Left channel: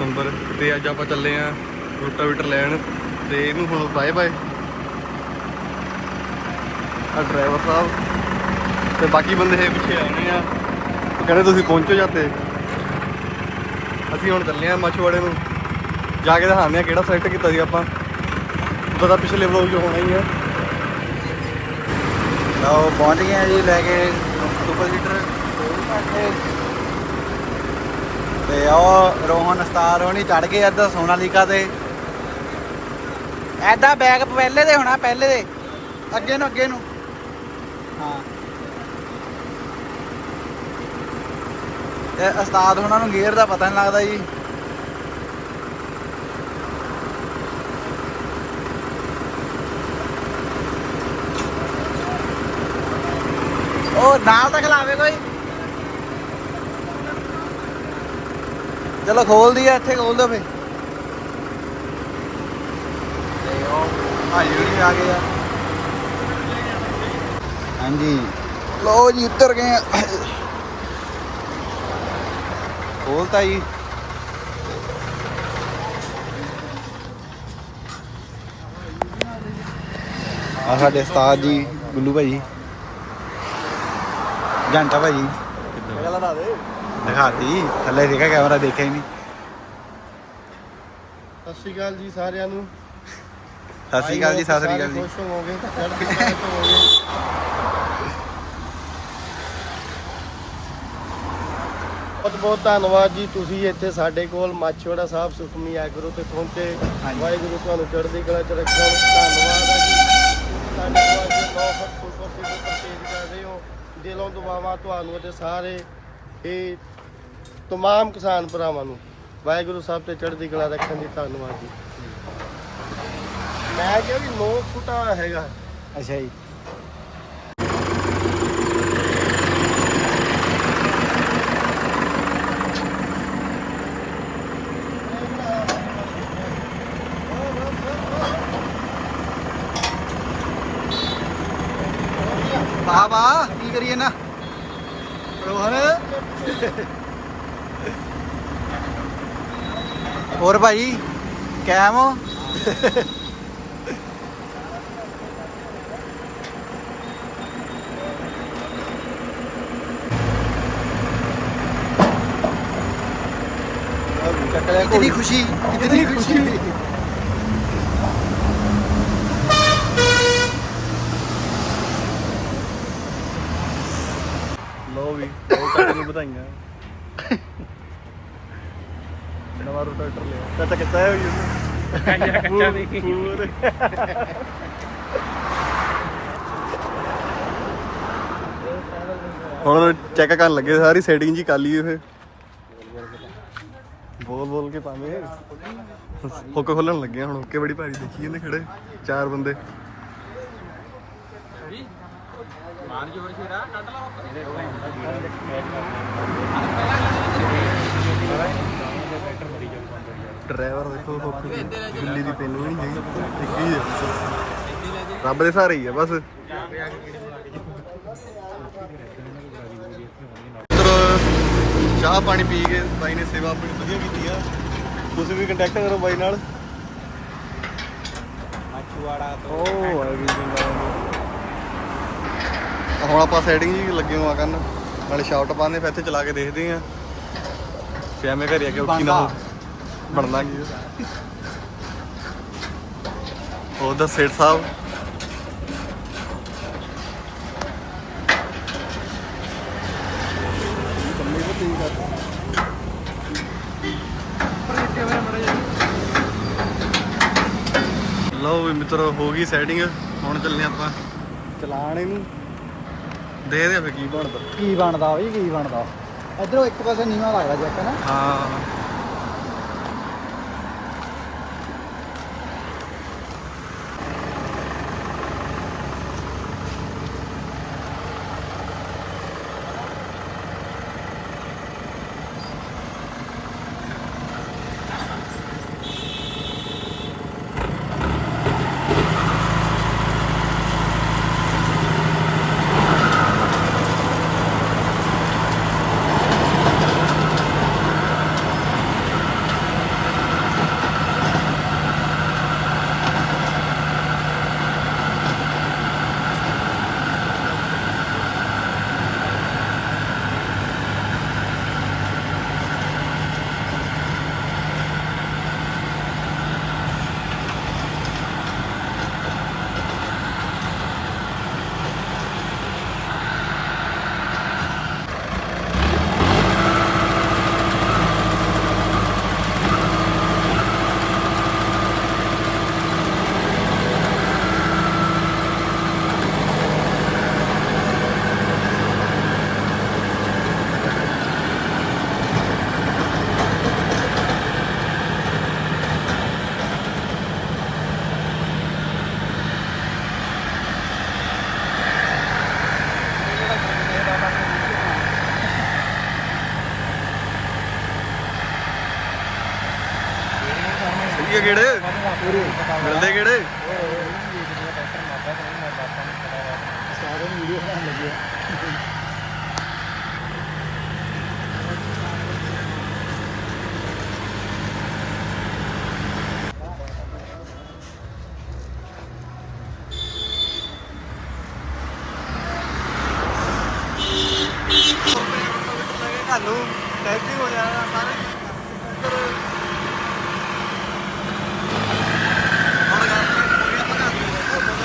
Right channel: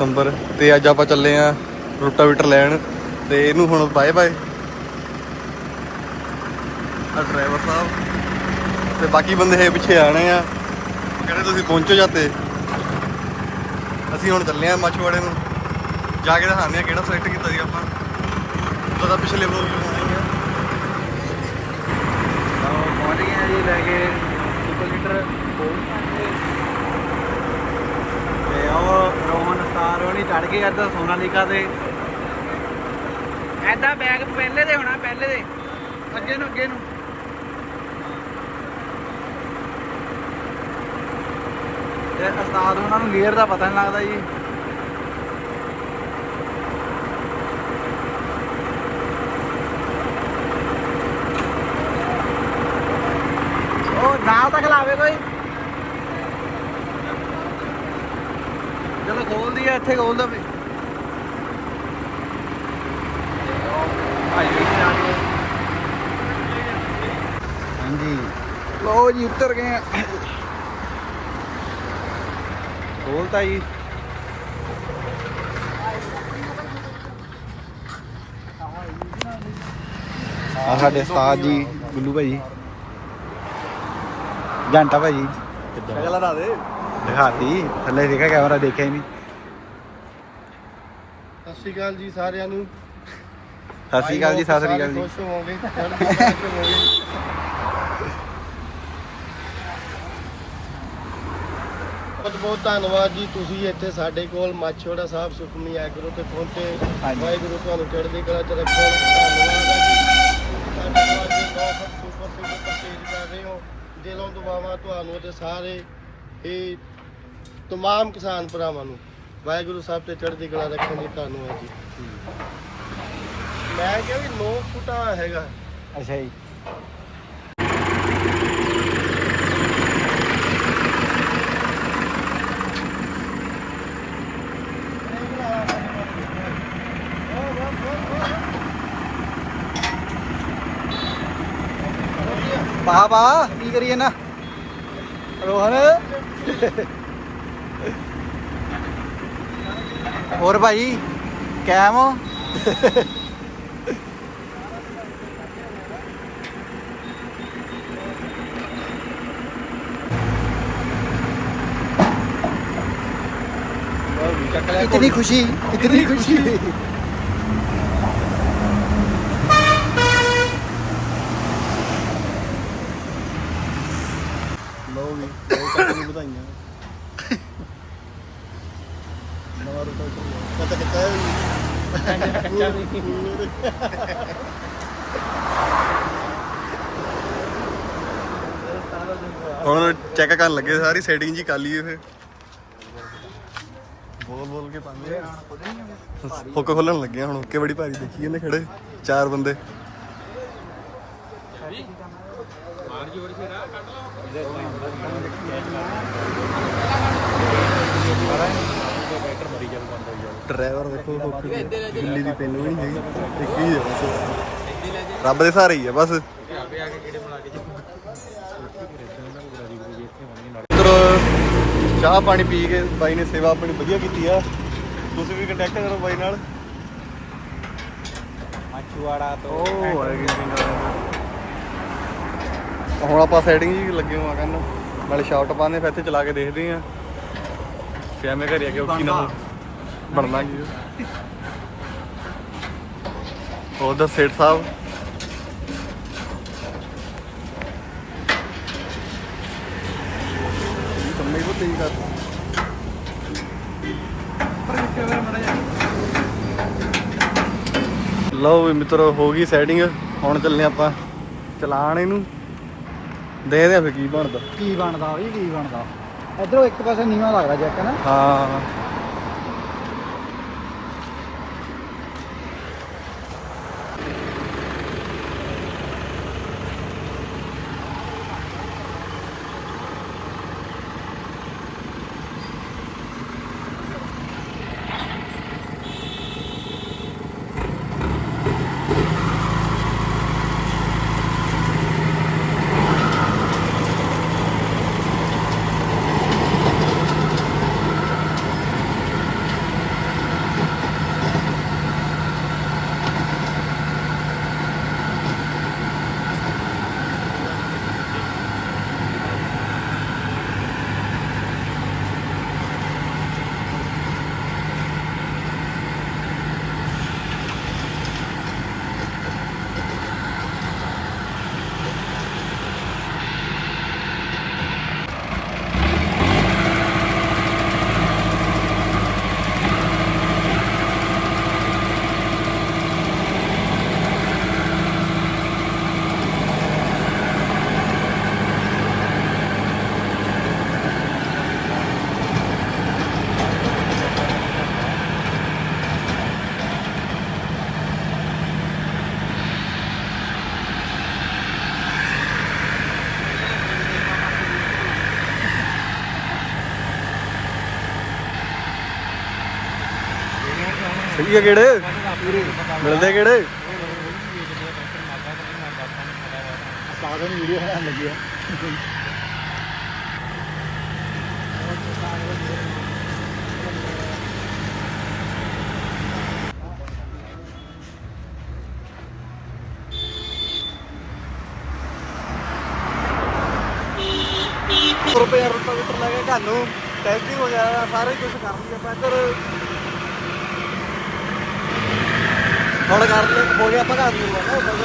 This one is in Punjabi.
ਸਤੰਬਰ ਤੇ ਅੱਜ ਆਪਾਂ ਚੱਲੇ ਆ ਰੋਟਾਵੀਟਰ ਲੈਣ ਤੇ ਇਹਨੂੰ ਹੁਣ ਬਾਏ ਬਾਏ ਆ ਡਰਾਈਵਰ ਸਾਹਿਬ। ਤੇ ਬਾਕੀ ਬੰਦੇ ਹੈ ਪਿੱਛੇ ਆਣੇ ਆ। ਕਹਿੰਦੇ ਤੁਸੀਂ ਪਹੁੰਚੋ ਜਾਤੇ ਅਸੀਂ ਹੁਣ ਚੱਲੇ ਆ ਮੱਛਵਾੜੇ ਨੂੰ। ਜਾ ਕੇ ਦਿਖਾਉਂਦੇ ਆ ਕਿਹੜਾ ਸਿਲੈਕਟ ਕੀਤਾ ਸੀ ਆਪਾਂ। ਪਤਾ ਪਿਛਲੇ ਵਲੋਗ ਚ ਹੋਣਾ ਹੀ ਲਓ, ਪਹੁੰਚ ਗਏ ਜੀ ਲੈ ਕੇ ਸੁਪਰ ਲੀਟਰ ਤੇ ਉਹ ਰੋਹਨ ਸਟਾਰ ਹੋਣੀ ਚੜ ਗਏ ਇੱਧਰ ਸੋਨਾਲੀਕਾ ਤੇ। ਐਦਾਂ ਬੈਗ ਪਹਿਲੇ ਦੇ ਹੋਣਾ, ਪਹਿਲੇ ਦੇ। ਅੱਗੇ ਨੂੰ ਅੱਗੇ ਨੂੰ। ਤੇ ਉਸਤਾਦ ਉਹਨਾਂ ਨੂੰ ਗੇਅਰ ਦਾ ਪਤਾ ਨਹੀਂ ਲੱਗਦਾ ਜੀ। ਉਹ ਨਾਲ ਤੱਕ ਖਲਾਵੇ ਕੋਈ। ਚਲੋ ਖੋਲ ਦਈਏ ਇੱਥੇ ਖੋਲ ਦੋ ਫੇ ਤੇ ਉਹ ਭਾਈ ਜੀ ਆ ਗਏ ਆ। ਹਾਂਜੀ। ਲੋ ਜੀ ਉੱਤਰ ਗਏ ਆ। ਖੋਲਤਾ ਜੀ ਆ ਸਾਡੇ ਉਸਤਾਦ ਜੀ ਗੁੱਲੂ ਭਾਈ। ਘੰਟਾ ਭਾਈ। ਕਿੱਦਾਂ? ਪਹਿਲਾਂ ਨਾ ਦੇ ਦਿਖਾਤੀ। ਥੱਲੇ ਦੇਖਿਆ ਕੈਮਰਾ ਦੇਖਿਆ ਹੀ ਨਹੀਂ। ਸਤਿ ਸ਼੍ਰੀ ਅਕਾਲ ਜੀ ਸਾਰਿਆਂ ਨੂੰ। ਸਤਿ ਸ਼੍ਰੀ ਅਕਾਲ ਜੀ ਸਤਿ ਸ਼੍ਰੀ ਅਕਾਲ ਜੀ। ਖੁਸ਼ ਹੋਵੋਗੇ ਚੜ੍ਹਦੀ ਕਲਾ ਚ ਹੋਵੋਗੇ। ਬਹੁਤ ਬਹੁਤ ਧੰਨਵਾਦ ਜੀ ਤੁਸੀਂ ਇੱਥੇ ਸਾਡੇ ਕੋਲ ਮਾਛੋੜਾ ਸਾਹਿਬ ਸੁਖਮਨੀ ਐਗਰੋ ਤੇ ਪਹੁੰਚੇ। ਹਾਂਜੀ। ਵਾਹਿਗੁਰੂ ਤੁਹਾਨੂੰ ਚੜ੍ਹਦੀ ਕਲਾ ਚ ਰੱਖਣ। ਧੰਨਵਾਦ ਆ ਜੀ। ਪਰਚੇਜ ਕਰ ਰਹੇ ਹੋ। ਦਿਲੋਂ ਦੁਆਵਾਂ ਤੁਹਾਨੂੰ ਅਤੇ ਸਾਰੇ। ਇਹ ਤਮਾਮ ਕਿਸਾਨ ਭਰਾਵਾਂ ਨੂੰ ਵਾਹਿਗੁਰੂ ਸਾਹਿਬ ਤੇ ਚੜ੍ਹਦੀ ਕਲਾ ਰੱਖਣ ਲਈ ਧੰਨਵਾਦ ਜੀ ਮੈਂ ਕਿਹਾ ਵੀ 9 ਫੁੱਟਾ ਹੈਗਾ ਅੱਛਾ ਜੀ ਪਾ ਪਾ ਕੀ ਕਰੀਏ ਨਾ ਰੋਹਨ ਹੋਰ ਭਾਈ ਕੈਮ ਹੋ इतनी खुशी इतनी खुशी ਲੋ ਵੀ ਬਹੁਤ ਸਾਰੀਆਂ ਵਧਾਈਆਂ ਨਵਾਂ ਰੋਟਾਵੀਟਰ ਲਿਆ ਤਾਂ ਕਿੱਤਾ ਹੋਈ ਪੱਕਾ ਜਿਹਾ ਕੱਚਾ ਨਹੀਂ ਹੁਣ ਚੈੱਕ ਕਰਨ ਲੱਗੇ ਸਾਰੀ ਸੈਟਿੰਗ ਜੀ ਕਰ ਲਈ ਇਹ। ਬੋਲ ਬੋਲ ਕੇ ਪਾਵੇਂ ਹੁੱਕ ਖੋਲਣ ਲੱਗੇ ਹੁਣ ਹੁੱਕੇ ਬੜੀ ਭਾਰੀ ਦੇਖੀ ਜਾਂਦੇ ਖੜੇ ਚਾਰ ਬੰਦੇ। ਡਰਾਈਵਰ ਦੇਖੋ ਹੁੱਕ ਦਿੱਲੀ ਦੀ ਪੈਨ ਨਹੀਂ ਹੈਗੀ। ਇੱਕ ਹੀ ਹੈ ਬਸ। ਰੱਬ ਦੇ ਸਹਾਰੇ ਹੀ ਹੈ ਬਸ। ਚਾਹ ਪਾਣੀ ਪੀ ਕੇ ਬਾਈ ਨੇ ਸੇਵਾ ਆਪਣੀ ਵਧੀਆ ਕੀਤੀ ਆ। ਤੁਸੀਂ ਵੀ ਕੰਟੈਕਟ ਕਰੋ ਬਾਈ ਨਾਲ। ਮਛੂਆੜਾ ਉਹ ਹੈਗੀ ਹੁਣ ਆਪਾਂ ਸੈਟਿੰਗ ਜੀ ਲੱਗੇ ਹੋਆ ਕਰਨ। ਨਾਲੇ ਸ਼ਾਟ ਪਾਣੇ ਫਿਰ ਇੱਥੇ ਚਲਾ ਕੇ ਦੇਖਦੇ ਆ। ਕਿ ਐਵੇਂ ਘਰੇ ਆ ਕੇ ਔਖੀ ਨਾ ਹੋ ਬਣਨਾ ਕੀ ਉਹ ਦਾ ਸੇਠ ਸਾਹਿਬ? ਕੰਮੇ ਕੋ ਤੇਜ਼ ਕਰ ਲਓ ਵੀ ਮਿੱਤਰੋ, ਹੋ ਗਈ ਸੈਟਿੰਗ ਹੁਣ ਚੱਲਨੇ ਆਪਾਂ ਚਲਾਣ ਇਹਨੂੰ। ਦੇਖਦੇ ਆ ਫਿਰ ਕੀ ਬਣਦਾ? ਕੀ ਬਣਦਾ ਵੀ ਕੀ ਬਣਦਾ? ਇਧਰੋਂ ਇੱਕ ਪਾਸੇ ਨੀਵਾਂ ਲੱਗਦਾ ਜੱਕ ਨਾ। ਹਾਂ। ਸਹੀ ਕਿਹੜੇ? ਮਿਲਦੇ ਕਿਹੜੇ? ਰੁਪਏ ਰੁਪਏ ਲੈ ਤੁਹਾਨੂੰ ਟੈਸਟਿੰਗ ਹੋ ਜਾਏਗਾ, ਸਾਰੇ ਕੁਝ ਕਰਨਗੇ। ਪੈਦਰ അവിടെ കാണുന്നത്. കോഴി അപ്പം കാണുന്നില്ല